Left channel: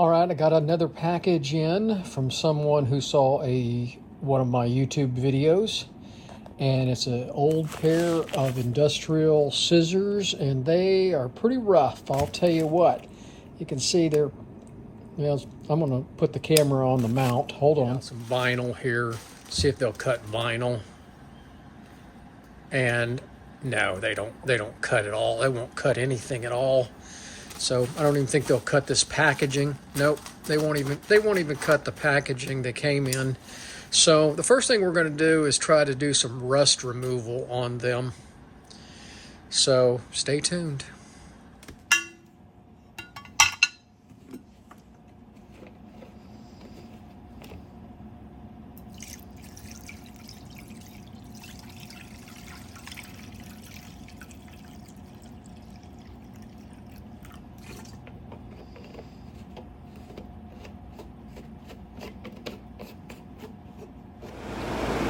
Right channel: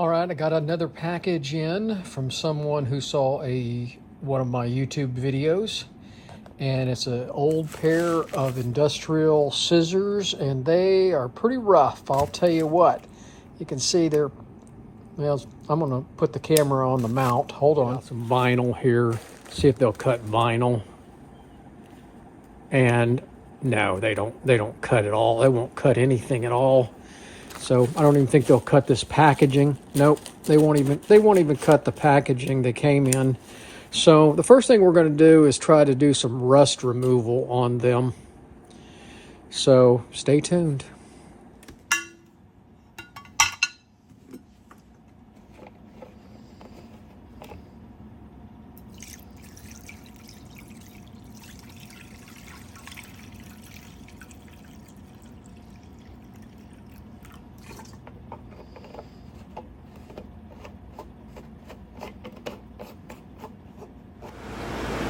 All right, I got another package in from someone who saw one of my YouTube videos, and it's an old pair of industrial scissors, and they are pretty rough. I'll tell you what. You can see they're, well, I'm gonna put the camera on the mount. Hold on. Some vinyl here. See if they'll cut vinyl. And no, they don't cut at all. They won't cut anything at all. So I don't even think they'll cut this packaging. Nope, they won't even cut the packaging they came in. So the first thing we're going to do is try to do some rust removal on them. So stay tuned.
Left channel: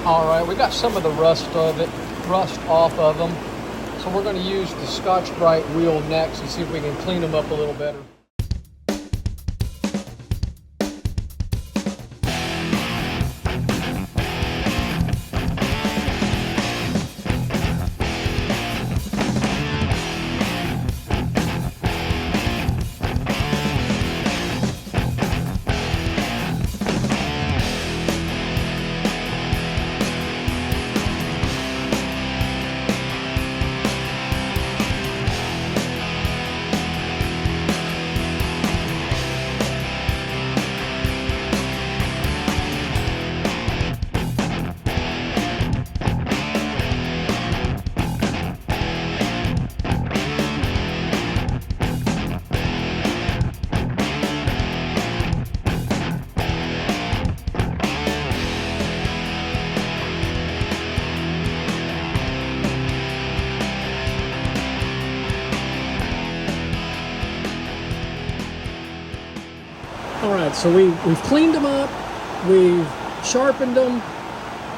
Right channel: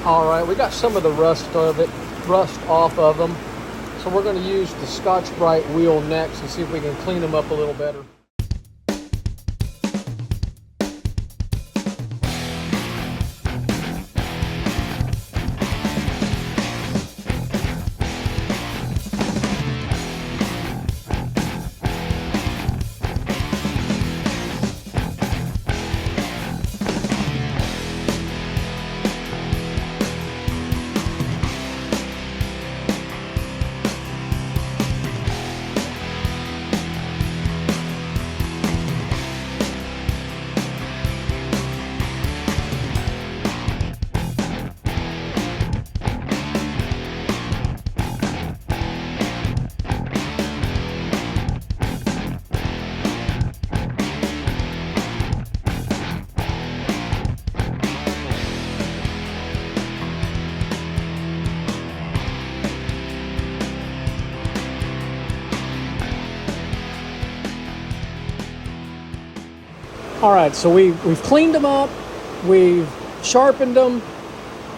All right, we got some of the rust off of them. So we're going to use the Scotch-Brite wheel next and see if we can clean them up a little better. All right, so we've cleaned them up, we've sharpened them.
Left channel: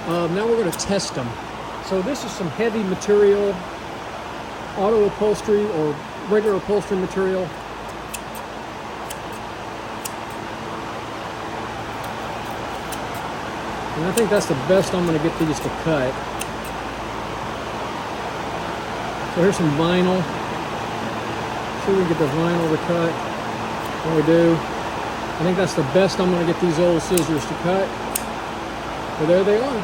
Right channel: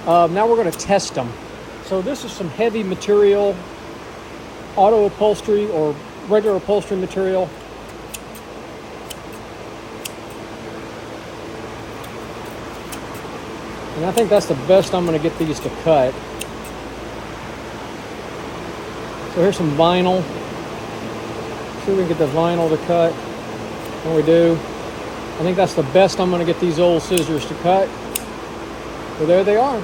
Now we're going to test them. So this is some heavy material, auto upholstery or regular upholstery material. And I think that's the best I'm going to get these to cut. So here's some vinyl. See if we can get the vinyl to cut. And we do. I think that's the best I'm going to get these old scissors to cut. Well, there they are.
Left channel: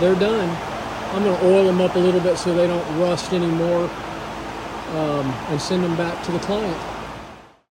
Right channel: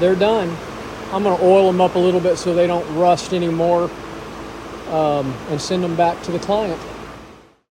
They're done. I'm going to oil them up a little bit so they don't rust anymore, and send them back to the client.